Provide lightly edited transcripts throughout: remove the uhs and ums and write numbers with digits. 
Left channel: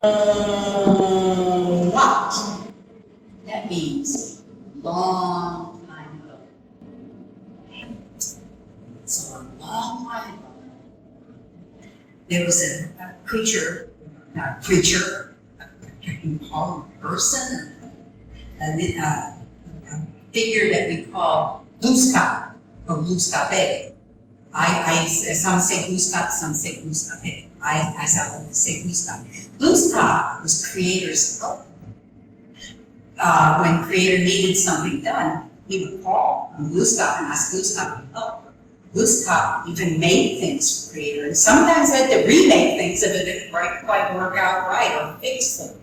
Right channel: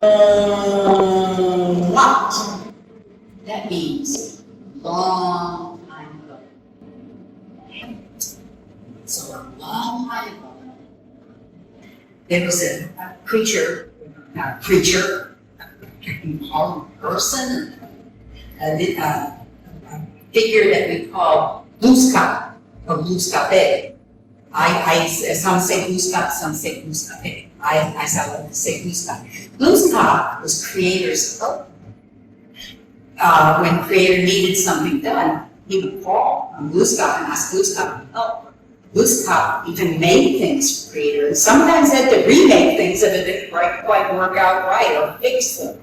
What? That means long time ago. So a long time ago, there was a creature, not a creature, you can call him a person, a figure that we call Gluskap or Gluskape. Some say Gluskap, some say Gluskape. I like to say Gluskap. Gluskap was creator's help. When creator needed something done, he would call on Gluskap and ask Gluskap for help. Gluskap even made things for creator, and sometimes had to remake things if it didn't quite work out right or fix them.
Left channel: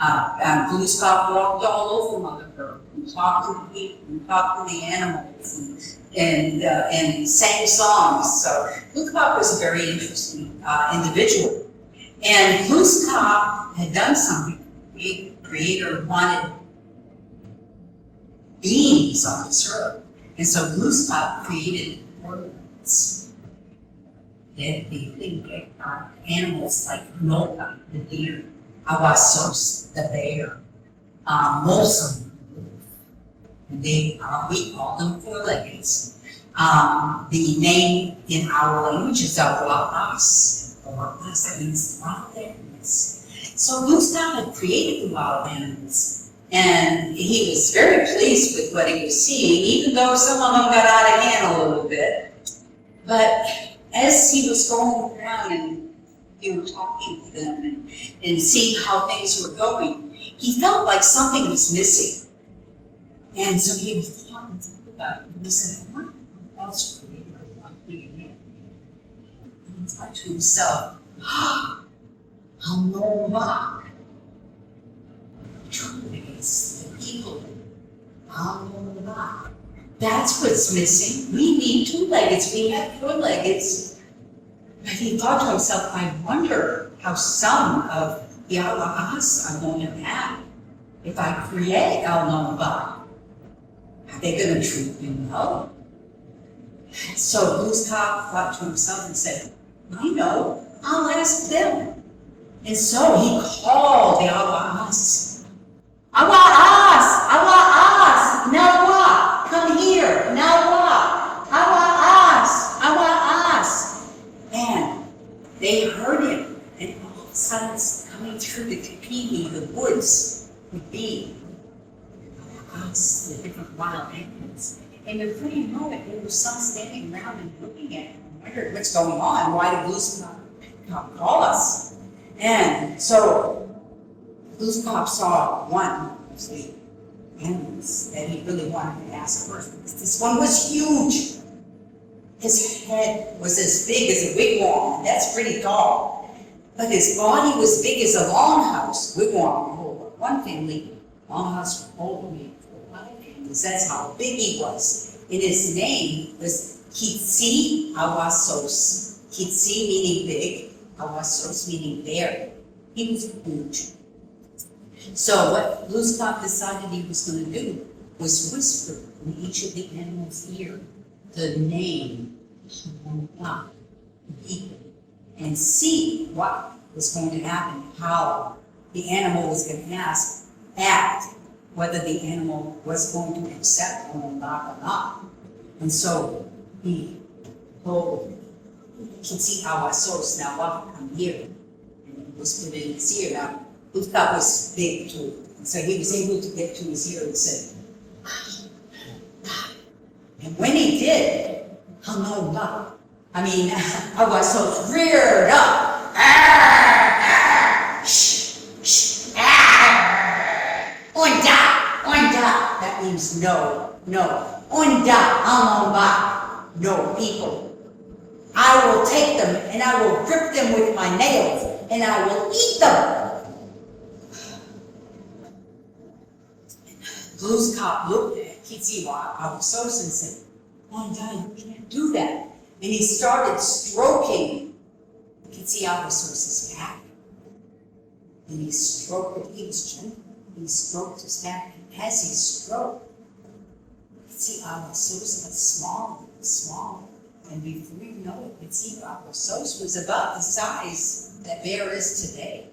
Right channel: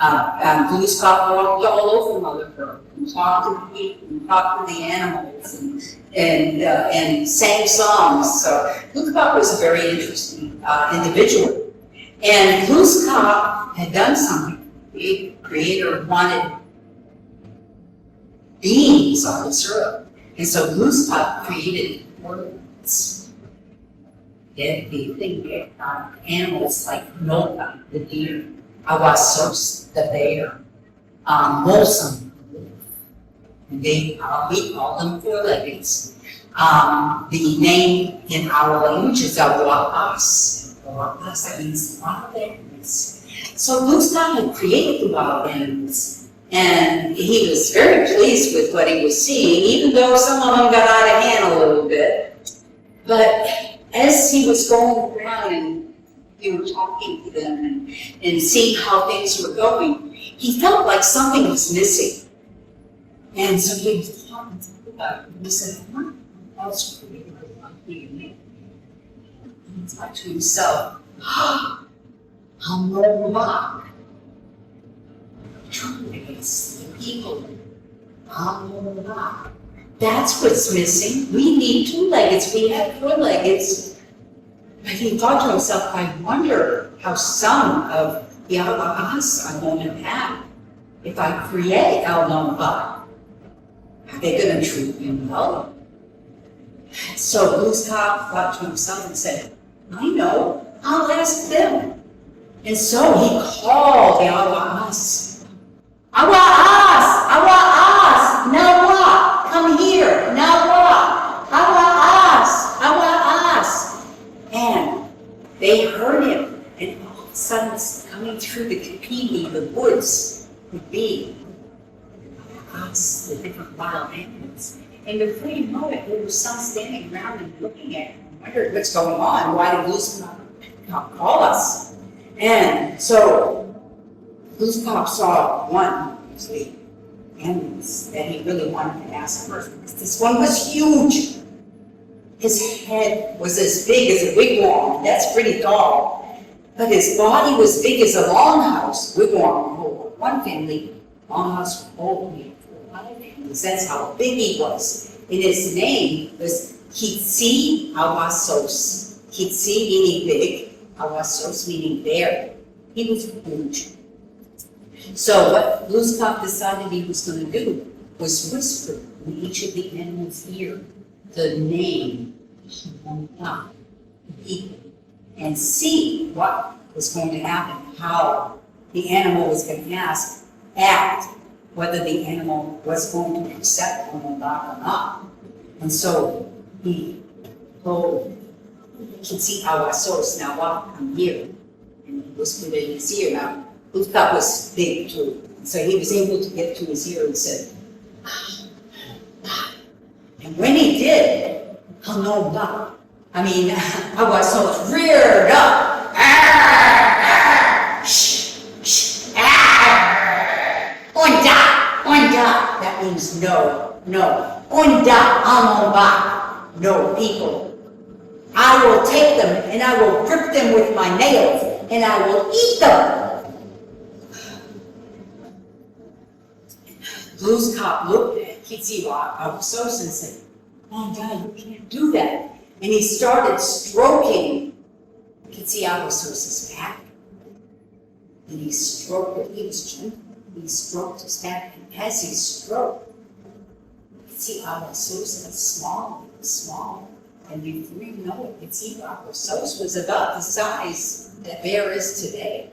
Gluskap walked all over Mother Earth and talked to the people and talked to the animals and sang songs. So Gluskap was a very interesting individual. And Gluskap had done something. The creator wanted beings on this earth. And so Gluskap created words. They animals like Noka, the deer, Awasos, the bear, Molsum, and we call them four-leggeds. The name in our language is Awaas. Awaas, that means wild animals. So Gluskap had created the wild animals. And he was very pleased with what he was seeing, even though some of them got out of hand a little bit. But as he was going around and talking to them and seeing how things were going, he felt like something was missing. And so he was talking about it. He said, what else created one thing? And he thought to himself, I'll know back. It's the people. That's what's missing. We need two-leggeds. We have four-leggeds. But he thought to himself, I wonder how some of the Awaas are going to have. If I create Alnaba, are they going to treat me well? So Gluskap thought to himself and said, I know, I'll ask them. And so he called the Awaas. Awaas! Awaas! Now what? Come here! Now what? Awaas! Awaas! And they heard him, and all of a sudden, coming through the kapini, the woods, would be Awaas, the different wild animals. And before you know it, there was some standing around and looking at him, wondered what's going on. Why did Gluskap call us? And so Gluskap saw one of the animals that he really wanted to ask first, because this one was huge. His head was as big as a wigwam, that's pretty tall. But his body was big as a longhouse. Wigwam hold one family, longhouse hold five families. That's how big he was. And his name was Kitsi Awasos. Kitsi meaning big, Awasos meaning bear. He was huge. So what Gluskap decided he was going to do was whisper in each of the animals' ear the name of the people and see what was going to happen, how the animal was going to act, whether the animal was going to accept or not. And so he told Kitsi Awasos, now what, I'm here. And he whispered in his ear. Now, Gluskap was big too, so he was able to get to his ear and said, and when he did, I mean, Awasos reared up. Onda, that means no. Onda, no people. I will take them and I will rip them with my nails and I will eat them. Gluskap looked at Kitsi Awasos and said, oh God, you can't do that. And he started stroking Kitsi Awasos' back. And he stroked it, he was gentle. He stroked his back, and as he stroked, Kitsi Awasos was small. And before you know it, Kitsi Awasos was about the size that bear is today.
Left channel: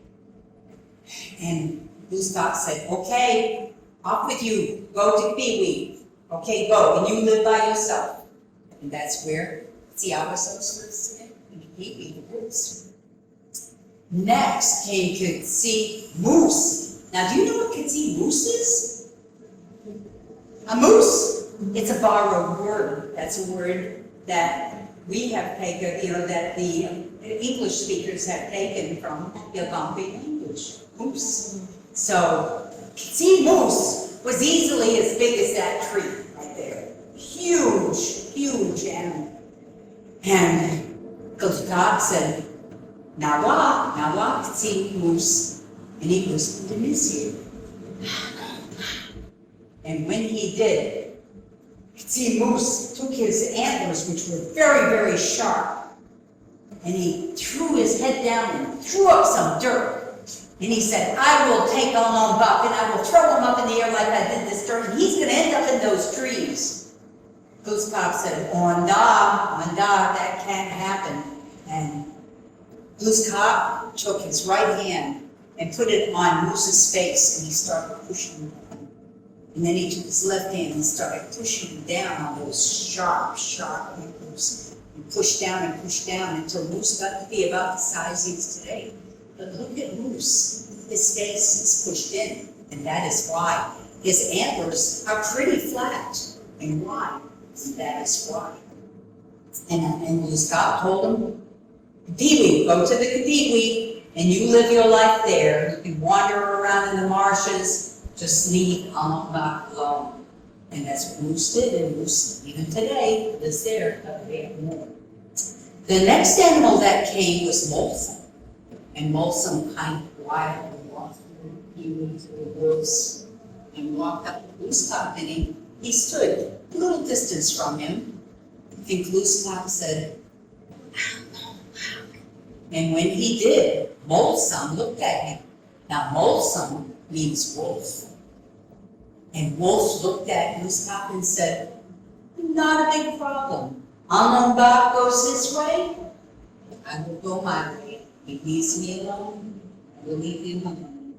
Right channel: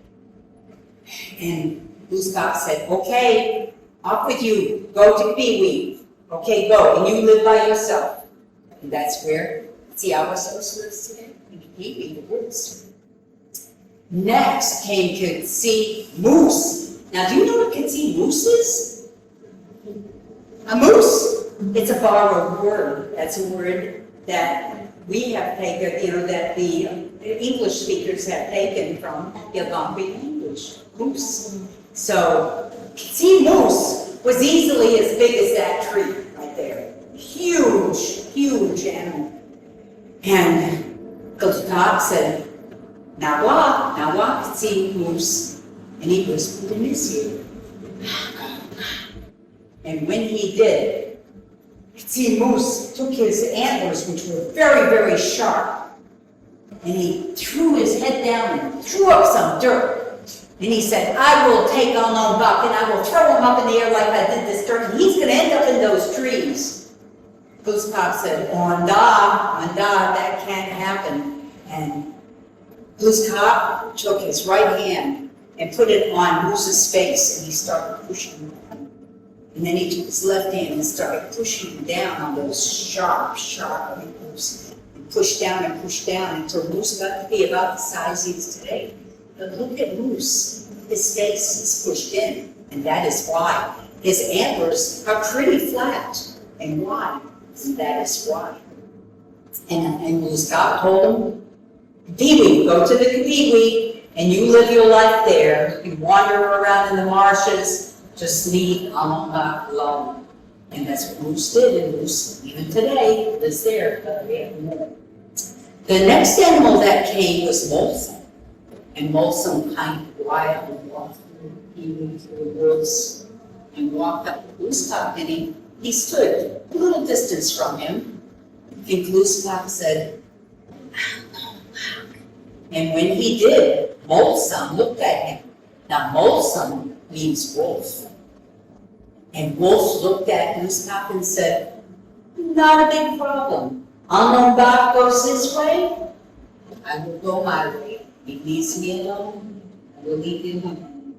And Glooskap said, okay, off with you, go to Pee-wee. Okay, go, and you live by yourself. And that's where Albatross lives today, in Pee-wee, the woods. Next came Kitsy Moose. Now, do you know what Kitsy Moose is? A moose. It's a borrowed word. That's a word that we have taken, that the English speakers have taken from the Algonquin language. Moose. So, Kitsy Moose was easily as big as that tree right there. Huge, huge animal. And Glooskap said, now what, Kitsy Moose? And he whispered in his ear. And when he did, Kitsy Moose took his antlers, which were very, very sharp, and he threw his head down and threw up some dirt. And he said, I will take Buck and I will throw him up in the air like I did this dirt, and he's going to end up in those trees. Glooskap said, Onda, that can't happen. And Glooskap took his right hand and put it on Moose's face, and he started pushing him down. And then he took his left hand and started pushing him down on those sharp antlers. And pushed down until Moose got to be about the size he is today. But look at Moose. His face is pushed in, and that is why. His antlers are pretty flat and wide, and that is why. And Glooskap told him, Pee-wee, go to the Pee-wee, and you live your life there. You can wander around in the marshes, just leave Buck alone. And that's what Moose did, and Moose, even today, lives there, but we have more. The next animal that came was Molson. And Molson kind of quietly walked through Pee-wee through the woods and walked up to Glooskap, and he stood a little distance from him. And Glooskap said, and when he did, Molson looked at him. Now, Molson means wolf. And Wolf looked at Glooskap and said, not a big problem. Buck goes this way, I will go my way. He leaves me alone, I will leave him alone.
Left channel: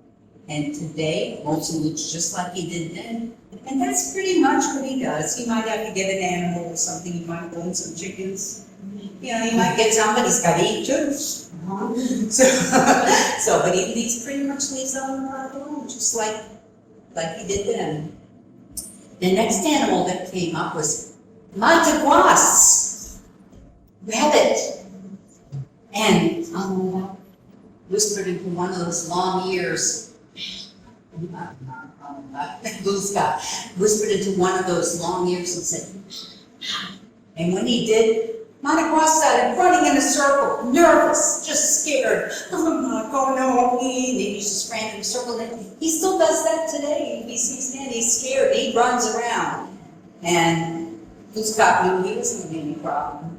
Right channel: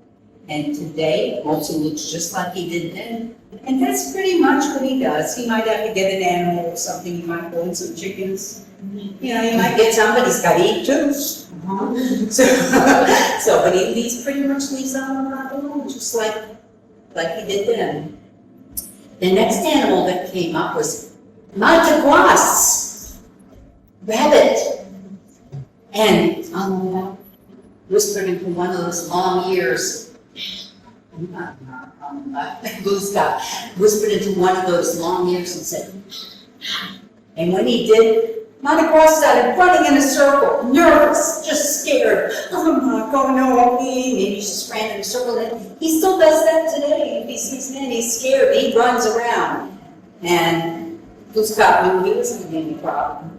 And today, Molson looks just like he did then. And that's pretty much what he does. He might have to get an animal or something. He might go in some chickens. He might get some, but he's got to eat too. But he pretty much leaves Buck alone, just like he did then. The next animal that came up was Mataguas, rabbit. And Buck whispered into one of those long ears. Glooskap whispered into one of those long ears and said, and when he did, Mataguas started running in a circle, nervous, just scared. Oh no, he just ran in a circle. And he still does that today. If he sees man, he's scared, he runs around. And Glooskap knew he wasn't going to be any problem.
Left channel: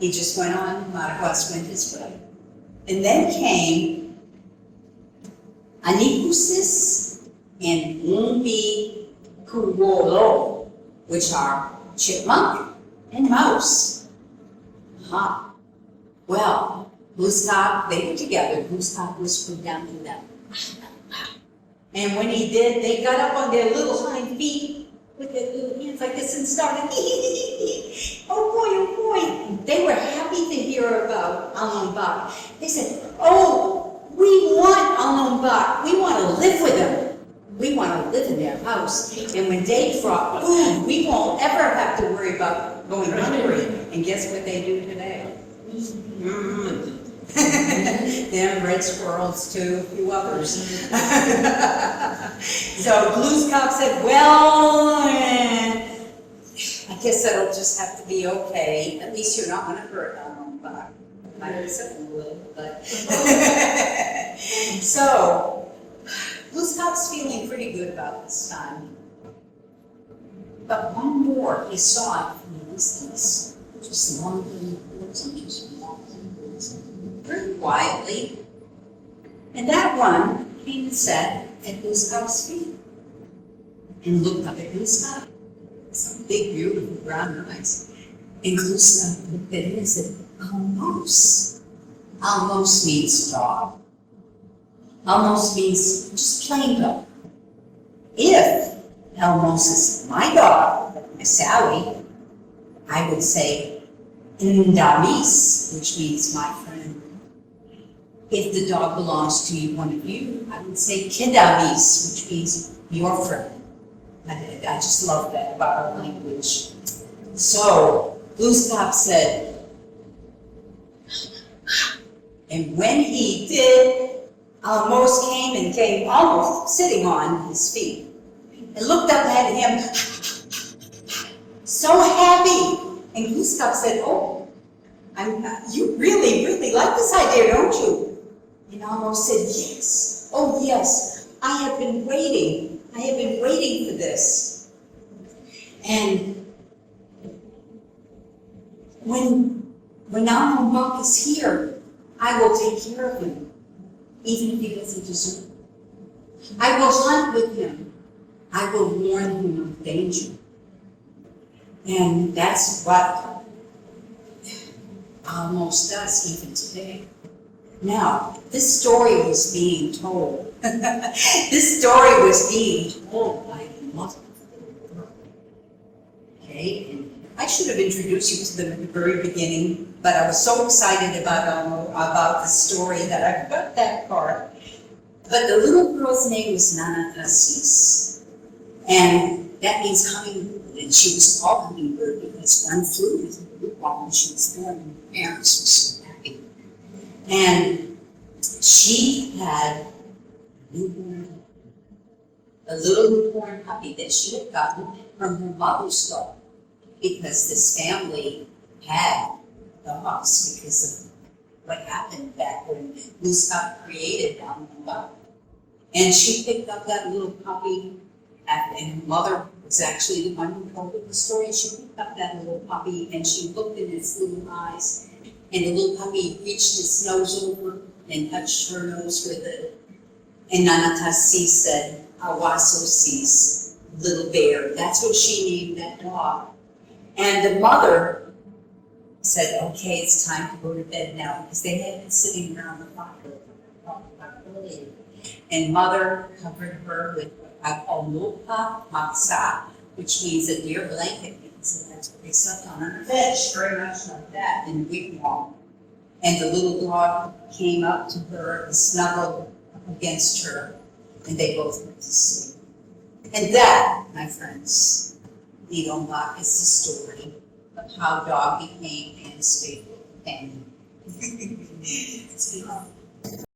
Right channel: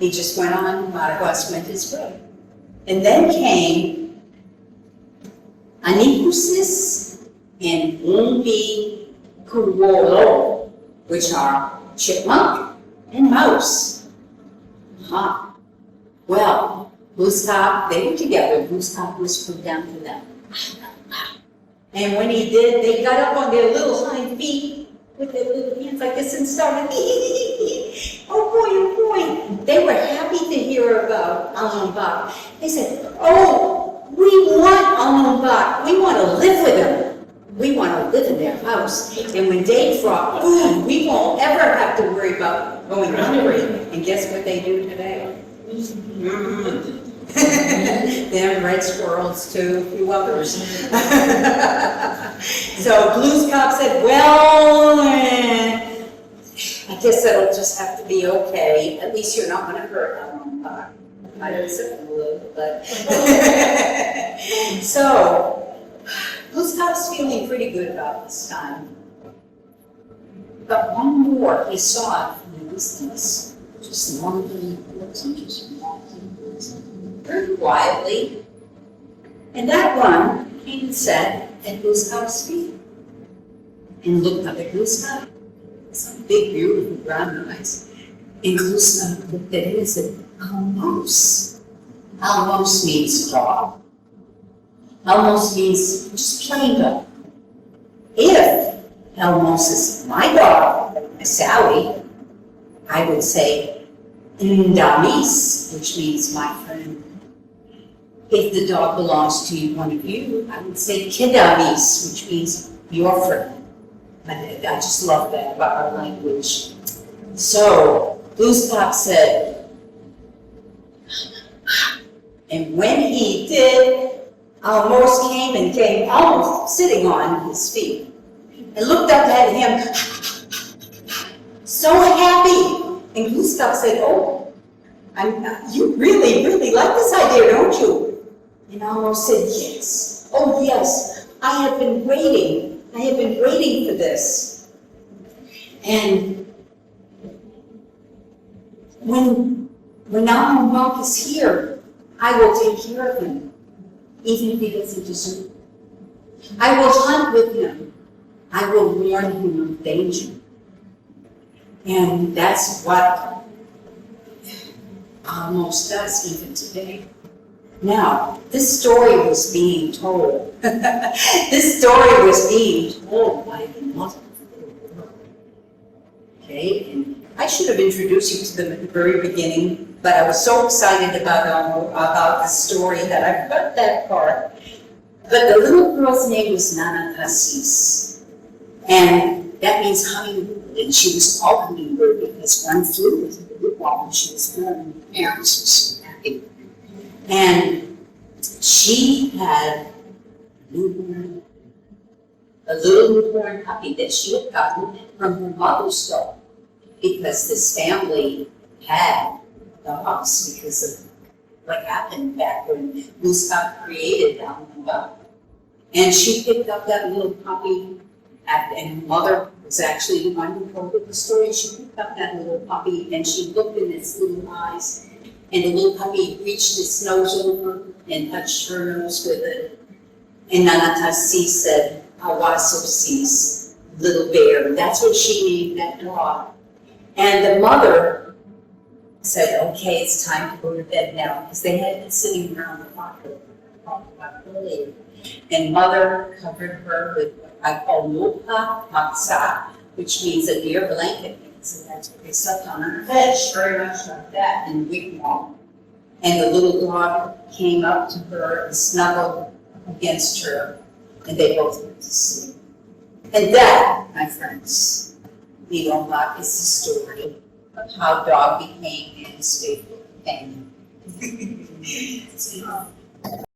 He just went on, Mataguas went his way. And then came Anikusis and Umbi Kuwolo, which are chipmunk and mouse. Well, Glooskap, they were together. Glooskap whispered down to them. And when he did, they got up on their little hind feet with their little hands like this and started, oh boy. They were happy to hear about Buck. They said, oh, we want Buck. We want to live with him. We want to live in their house. And when they brought food, we won't ever have to worry about going hungry. And guess what they do today? Them red squirrels too, a few others. So Glooskap said, well, I guess that'll just have to be okay. At least you're not going to hurt Buck. I upset him a little, but. So, Glooskap's feeling pretty good about this time. But one more he saw from the distance, just wandering towards him, just walking towards him, very quietly. And that one came and sat at Glooskap's feet and looked up at Glooskap. Some big, beautiful brown eyes. And Glooskap looked at him and said, Almos. Almos means dog. Elmos means just plain dog. If Elmos is my dog, Sally, I would say Ndamis, which means my friend. If the dog belongs to one of you, I would say Kidamis, which means your friend. I just love that about our language. So Gustav said, and when he did, Almost came almost sitting on his feet and looked up at him, so happy. And Gustav said, oh, you really, really like this idea, don't you? And Almost said, yes, oh yes, I have been waiting for this. And when Almost is here, I will take care of him, even if he doesn't deserve it. I will hunt with him. I will warn him of danger. And that's what Almost does even today. Now, this story was being told. This story was being told by the mother. Okay, and I should have introduced you to them at the very beginning, but I was so excited about the story that I forgot that part. But the little girl's name was Nana Cassis, and that means hummingbird, and she was called hummingbird because one flew with her while she was born, and her parents were so happy. And she had a little newborn puppy that she had gotten from her mother's dog, because this family had dogs because of what happened back when Gustav created them. And she picked up that little puppy, and her mother was actually the one who told her the story. She picked up that little puppy and she looked in its little eyes, and the little puppy reached its nose over and touched her nose with it. And Nanatasi said, Awasosis, little bear. That's what she named that dog. And the mother said, okay, it's time to go to bed now, because they had been sitting around the fire earlier. And mother covered her with what I call mopa maksa, which means a deer blanket. So that's what they slept on her bed, very much like that, in wigwam. And the little dog came up to her and snuggled against her, and they both went to sleep. And that, my friends, Lidonbach, is the story of how dog became Anna's faithful companion.